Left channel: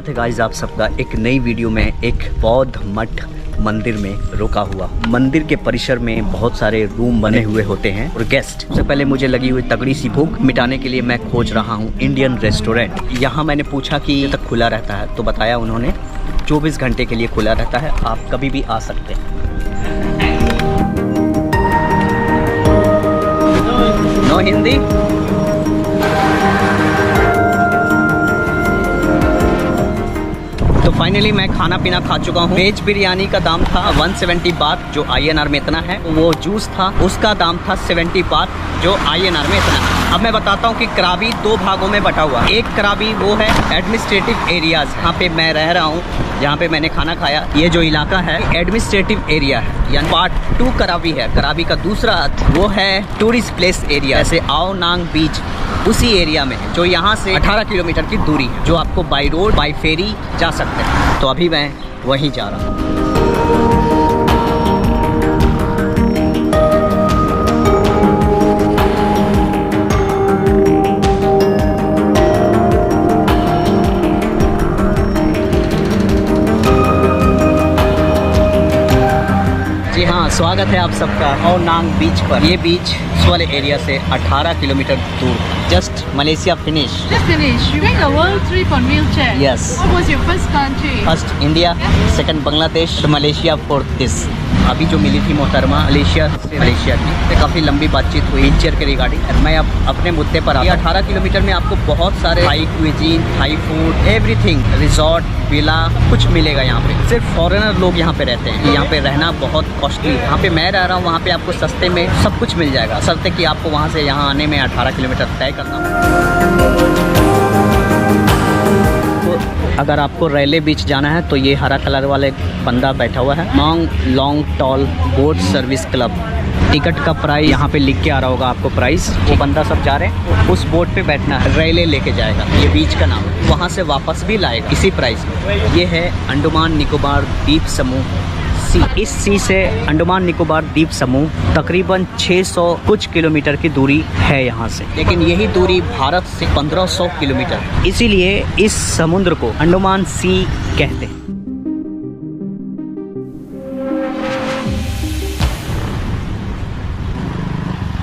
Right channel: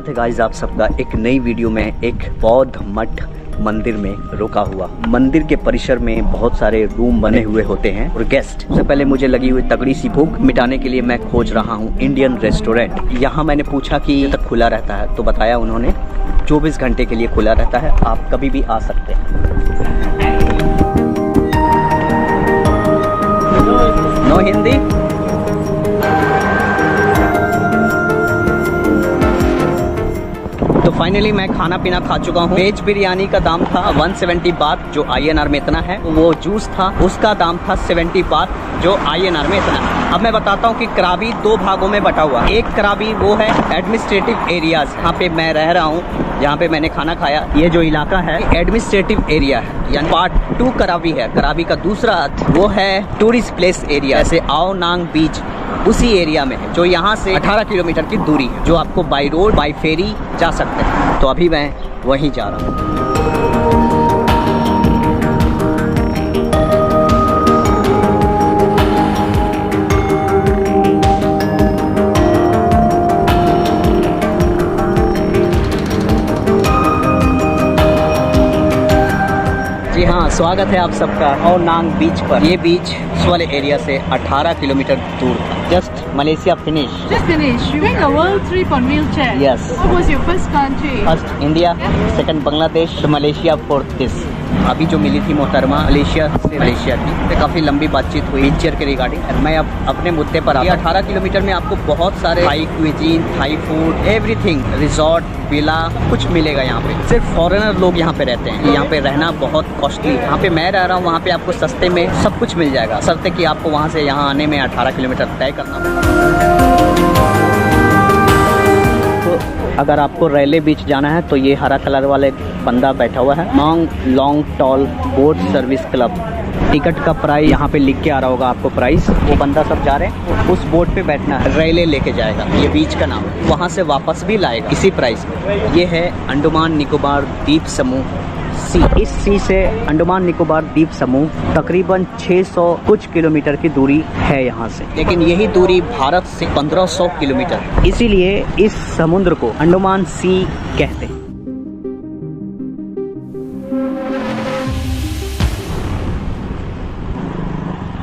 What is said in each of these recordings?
स्वागत है गाइस आप सबका एक नई वीडियो में। एक बौद्ध मठ मंदिर में रुका हुआ। मंदिर के परिसर में बहुत सारे रूम बने हुए होते हैं और गेस्ट। सबसे पहले मुझे लगी हुई तगड़ी सी भूख मिटाने के लिए मैं खोज रहा हूँ इंडियन रेस्टोरेंट। यहाँ मैंने पूछा कि ये तक खुला रहता है, तो बताया उन्होंने 24 घंटे के लिए खुला रहता है, आप कभी भी आ सकते हैं। नो हिंदी। तो फाइनली मैं खाना पीना खा चुका हूँ। वेज बिरयानी का दाम था 170 बात, जो INR में इतना है। वो जूस था, उसका दाम था 70 बात, जो INR में इतना है। अब मैं बताता हूँ कि कराबी 2 भागों में बटा हुआ। एक कराबी वो है एडमिनिस्ट्रेटिव एरियाज, यहाँ पे मैं रह रहा हूँ, जहाँ पे मैंने खाना खाया। ये जो इलाका है एडमिनिस्ट्रेटिव एरिया है, यानी पार्ट 2 कराबी है। कराबी का दूसरा वो है टूरिस्ट प्लेस एरिया, जैसे आओ नांग बीच उसी एरिया में है, जो यहाँ से 18 किलोमीटर की दूरी है, जो आपको बाई रोड बाई फेरी जा सकते हैं। तो अभी मैं वहीं जा रहा हूँ। जी हाँ, स्वागत है आप सबका आओ नांग बीच पर। ये बीच उस वाले एरिया से 18 किलोमीटर दूर था। Just Malaysia finish. Just finished. You went a world trip on wheelchair. Yes. What was your first country? First India, second Bangladesh, Malaysia, fourth this. अभी जो मिली थी मोहतरमा मलेशिया से मलेशिया की, काफ़ी लंबी बातचीत हुई व्हीलचेयर के रिगार्डिंग। मैं अब अपने मुद्दे पर आता हूँ। 18 किलोमीटर में आपको बहुत सारे Thai cuisine, Thai food, everything, resort, villa, कुछ मिलेगा यहाँ पे। सिर्फ फॉरेनर लोग यहाँ पे रहते हैं। यहाँ पे रहना बहुत कॉस्टली है। यहाँ पे मैं रह रहा हूँ, वहाँ पे आपको सस्ते में सब कुछ मिल जाएगा, शर्ते कि आपको वहाँ से यहाँ आने में 18 किलोमीटर तय करना हो। अगर आपको रेले बीच जाना है तो ये हरा कलर वाले बंदा बैठा हुआ है, मांग long tall boat service club. Ticket का प्राइस यहाँ पे लिख के आ रहा होगा आपको प्राइस। वो बंदा सब जा रहे हैं, उस बोट पे बैठना है, रेले लेके जाएगा। ये बीच का नाम है, वहाँ से वापस भी लाएगा इसी प्राइस में। ये है अंडमान निकोबार द्वीप समूह सी। इस सी से अंडमान निकोबार द्वीप समूह तकरीबन 600 कुछ किलोमीटर की दूरी है यहाँ से, लेकिन यही दूरी भारत से 1500 किलोमीटर। इसीलिए इस समुद्र को अंडमान सी कहते हैं।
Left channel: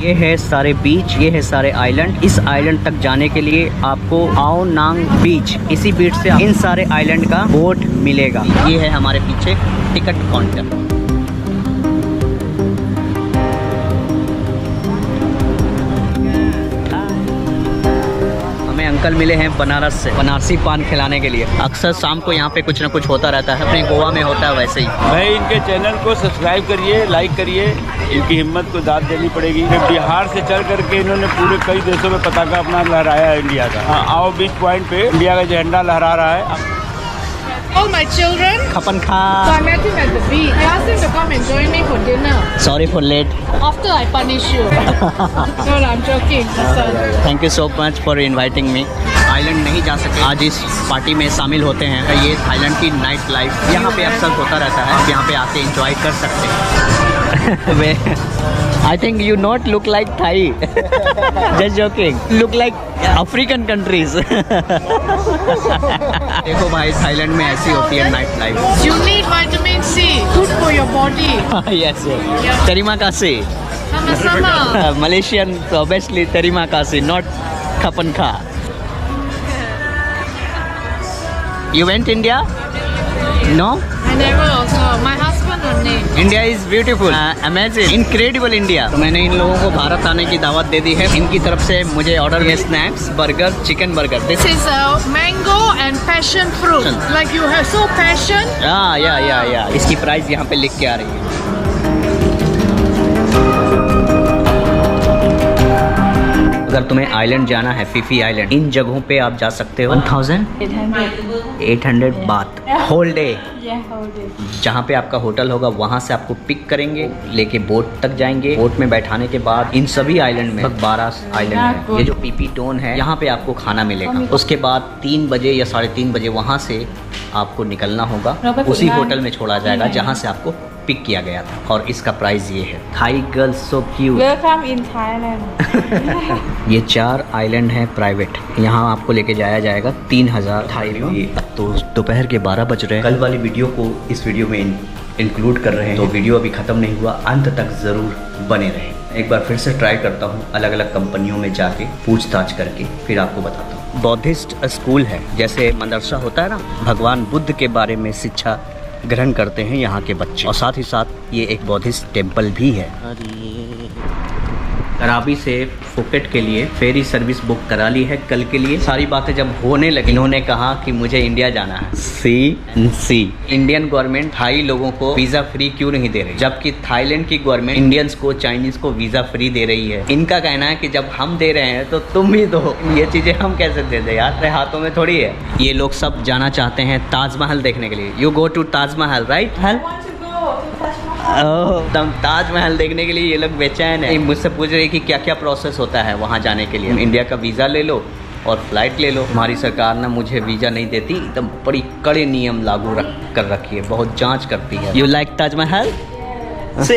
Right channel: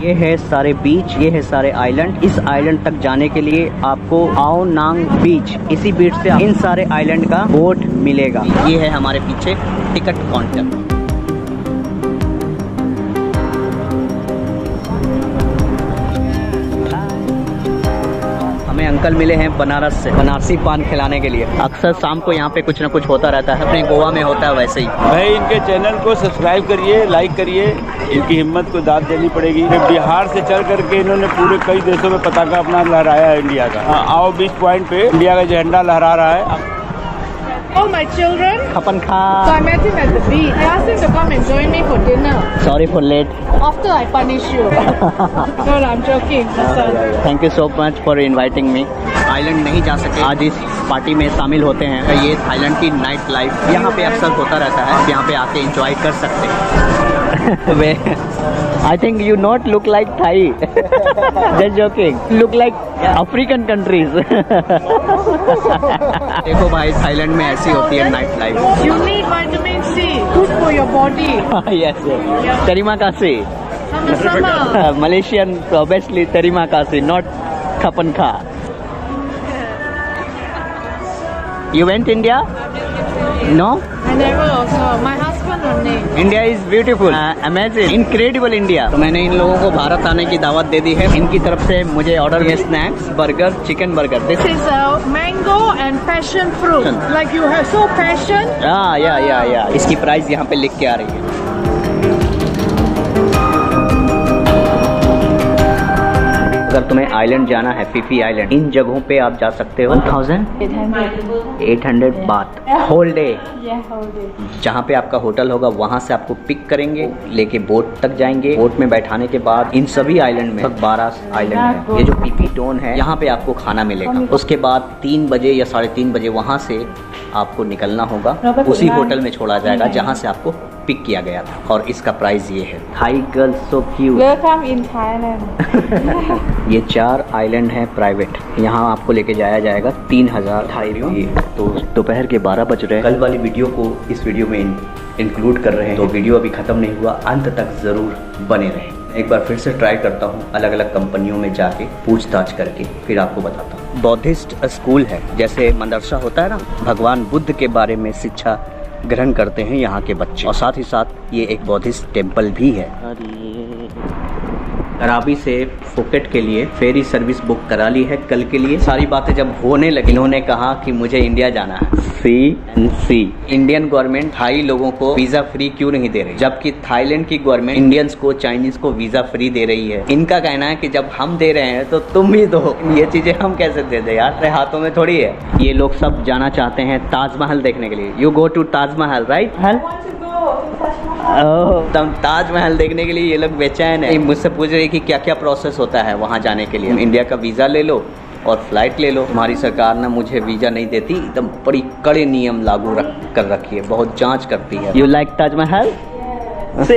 ये है सारे बीच, ये है सारे आइलैंड। इस आइलैंड तक जाने के लिए आपको आओ नांग बीच, इसी बीच से इन सारे आइलैंड का बोट मिलेगा। ये है हमारे पीछे टिकट काउंटर। अंकल मिले हैं बनारस से, बनारसी पान खिलाने के लिए। अक्सर शाम को यहाँ पे कुछ ना कुछ होता रहता है, अपने गोवा में होता है वैसे ही। भाई इनके चैनल को सब्सक्राइब करिए, लाइक करिए, इनकी हिम्मत को दाद देनी पड़ेगी। बिहार से चल करके इन्होंने पूरे कई देशों में पताका अपना लहराया है इंडिया का। आओ बीच पॉइंट पे इंडिया का झंडा लहरा रहा है। All my children. खपन खा। So I met him at the beach. I asked him to come and join me for dinner. Sorry for late. After I punish you. No, I'm joking. Thank you so much for inviting me. Thailand नहीं जा सके, आज इस party में शामिल होते हैं। ये थाईलैंड की नाइट लाइफ यहाँ पे अक्सर होता रहता है, आप यहाँ पे आके एंजॉय कर सकते हैं। I think you not look like Thai, just joking, look like African countries. देखो भाई, थाईलैंड में ऐसी होती है night life. You need vitamin C. Good for your body. Yes, yes. Terima kasih. Sama-sama. Malaysian obviously terima kasih, not kapan kha. You went India? No? I never also. My husband only. India is beautiful, amazing, incredible India. तो मैंने इन लोगों को भारत आने की दावत दे दी है। इनकी तरफ से मुझे ऑर्डर में snacks, burger, chicken burger. This is mango and passion fruit. Like you have so passion. या इसकी प्राइस यहाँ पे लिख के आ रही है। अगर तुम्हें आइलैंड जाना है, फीफी आइलैंड, इन जगहों पे आप जा सकते हो। 1800 बात होल डे। जहाँ पे आपका होटल होगा वहाँ से आपको पिक करेंगे, लेके बोट तक जाएंगे। बोट में बैठाने के बाद इन सभी आइलैंड में 12 आइलैंड है। ये जो पीपी टोन है, यहाँ पे आपको खाना मिलेगा। उसके बाद 3 बजे या 3:30 बजे वहाँ से आपको निकलना होगा। उसी होटल में छोड़ा जाएगा जहाँ से आपको पिक किया गया था और इसका प्राइस ये है। Thai girls so cute. Welcome in Thailand. ये 4 आइलैंड हैं प्राइवेट, यहाँ आपको लेके जाया जाएगा 3000 थाई रियल। तो दोपहर के 12 बज रहे हैं। कल वाली वीडियो को इस वीडियो में इंक्लूड कर रहे हैं, तो वीडियो अभी ख़त्म नहीं हुआ, अंत तक ज़रूर बने रहें। एक बार फिर से ट्राई करता हूँ अलग अलग कंपनियों में जाके पूछताछ करके फिर आपको बताता हूँ। बौद्धिस्ट स्कूल है, जैसे मदरसा होता है ना, भगवान बुद्ध के बारे में शिक्षा ग्रहण करते हैं यहाँ के बच्चे, और साथ ही साथ ये एक बौद्धिस्ट टेम्पल भी है। कराबी से फुकेट के लिए फेरी सर्विस बुक करा ली है कल के लिए। सारी बातें जब होने लगी, इन्होंने कहा कि मुझे इंडिया जाना है। सी इंडियन गवर्नमेंट थाई लोगों को वीज़ा फ्री क्यों नहीं दे रही, जबकि थाईलैंड की गवर्नमेंट इंडियंस को, चाइनीज़ को वीज़ा फ्री दे रही है। इनका कहना है कि जब हम दे रहे हैं तो तुम भी दो। ये चीज़ें हम कैसे दे दें यार, अपने हाथों में थोड़ी है। ये लोग सब जाना चाहते हैं ताजमहल देखने के लिए। You go to Taj Mahal right? तब ताजमहल देखने के लिए ये लोग बेचैन है। मुझसे पूछ रहे कि क्या क्या प्रोसेस होता है वहाँ जाने के लिए। इंडिया का वीज़ा ले लो और फ्लाइट ले लो। हमारी सरकार ना मुझे वीज़ा नहीं देती, एकदम बड़ी कड़े नियम लागू कर रखी है, बहुत जांच करती है। You like Taj Mahal?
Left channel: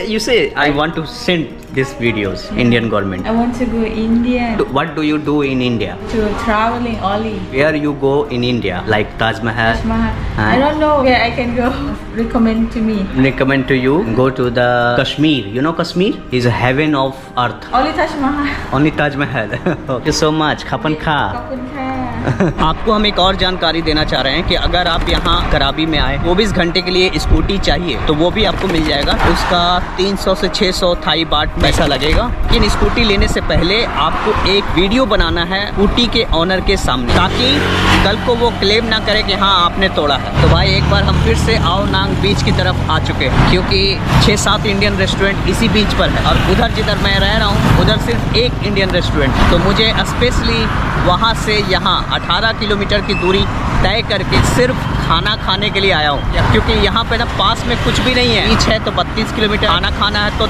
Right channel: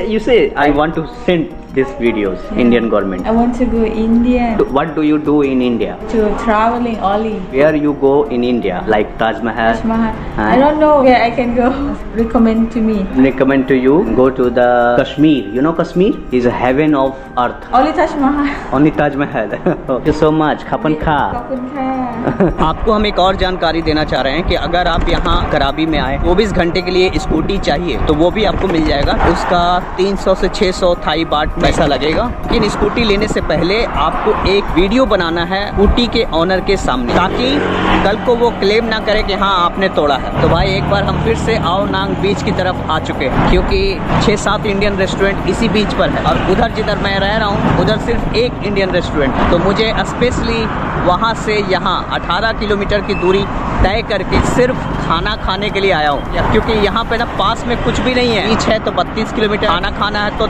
You say I want to send these videos. Indian government. I want to go India. What do you do in India? To traveling only. Where you go in India? Like Taj Mahal? Taj Mahal. Huh? I don't know where I can go. Recommend to me. Recommend to you, go to the Kashmir. You know Kashmir is a heaven of earth. Only Taj Mahal. Only Taj Mahal. Thank you so much. Khapan kha. Kapun kha. आपको हम एक और जानकारी देना चाह रहे हैं कि अगर आप यहाँ कराबी में आए, 24 घंटे के लिए स्कूटी चाहिए तो वो भी आपको मिल जाएगा। उसका 300 से 600 थाई बाट पैसा लगेगा। लेकिन स्कूटी लेने से पहले आपको एक वीडियो बनाना है स्कूटी के ऑनर के सामने, ताकि कल को वो क्लेम ना करे कि हाँ आपने तोड़ा है। तो भाई एक बार हम फिर से आओ नांग बीच की तरफ आ चुके हैं, क्योंकि 6-7 इंडियन रेस्टोरेंट इसी बीच पर है, और उधर जिधर मैं रह रहा हूँ उधर सिर्फ एक इंडियन रेस्टोरेंट है। तो मुझे स्पेशली वहाँ से यहाँ 18 किलोमीटर की दूरी तय करके सिर्फ खाना खाने के लिए आया हूँ, क्योंकि यहाँ पे ना पास में कुछ भी नहीं है। बीच है तो 32 किलोमीटर, खाना खाना है तो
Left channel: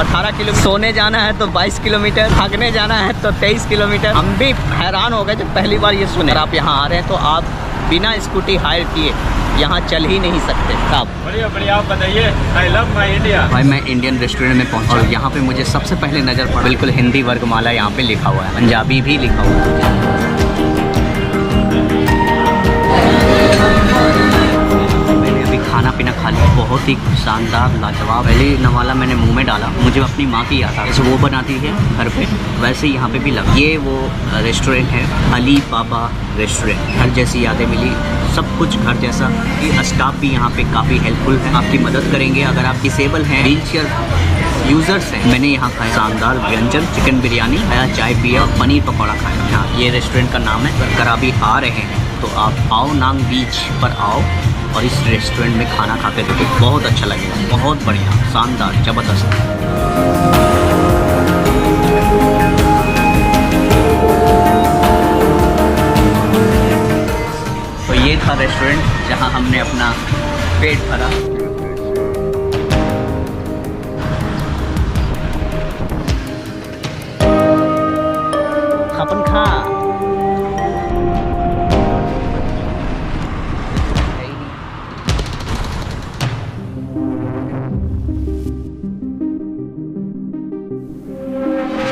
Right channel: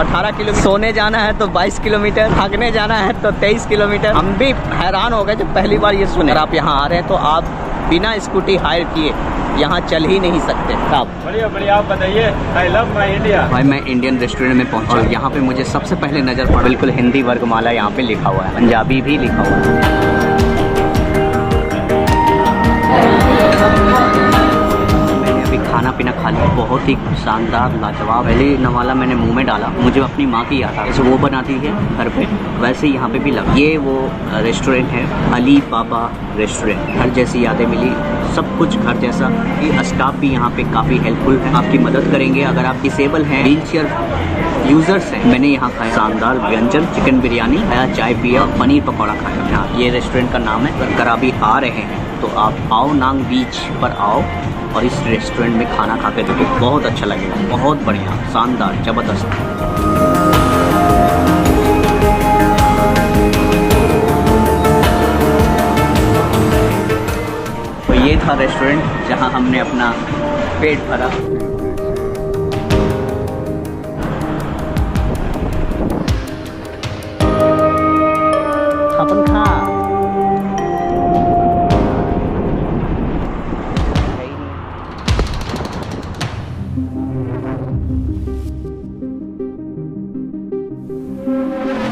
18 किलोमीटर, सोने जाना है तो 22 किलोमीटर, भागने जाना है तो 23 किलोमीटर। हम भी हैरान हो गए जब पहली बार ये सुने। अगर आप यहाँ आ रहे हैं तो आप बिना स्कूटी हायर किए यहाँ चल ही नहीं सकते। आप बढ़िया बढ़िया, आप बताइए। I love my India. भाई मैं इंडियन रेस्टोरेंट में पहुँचा और यहाँ पे मुझे सबसे पहले नज़र पड़ा, बिल्कुल हिंदी वर्गमाला यहाँ पे लिखा हुआ है, पंजाबी भी लिखा हुआ है। खाना पीना खा लिया, बहुत ही शानदार लाजवाब। पहले नवाला मैंने मुंह में डाला, मुझे अपनी माँ की याद आ, जैसे वो बनाती है घर पे वैसे ही यहाँ पे भी लगा। ये वो रेस्टोरेंट है, अली बाबा रेस्टोरेंट। घर जैसी यादें मिली, सब कुछ घर जैसा। ये स्टाफ भी यहाँ पे काफ़ी हेल्पफुल है, आपकी मदद करेंगे। अगर आप डिसेबल हैं, व्हील चेयर यूज़र्स हैं। मैंने यहाँ खाया शानदार व्यंजन, चिकन बिरयानी खाया, चाय पिया, पनीर पकौड़ा खाया। हाँ, ये रेस्टोरेंट का नाम है। अगर कराबी आ रहे हैं तो आप आओ नांग बीच पर आओ और इस रेस्टोरेंट में खाना खा के देखो, बहुत अच्छा लगेगा, बहुत बढ़िया, शानदार, ज़बरदस्त। तो ये था रेस्टोरेंट जहां हमने अपना पेट भरा।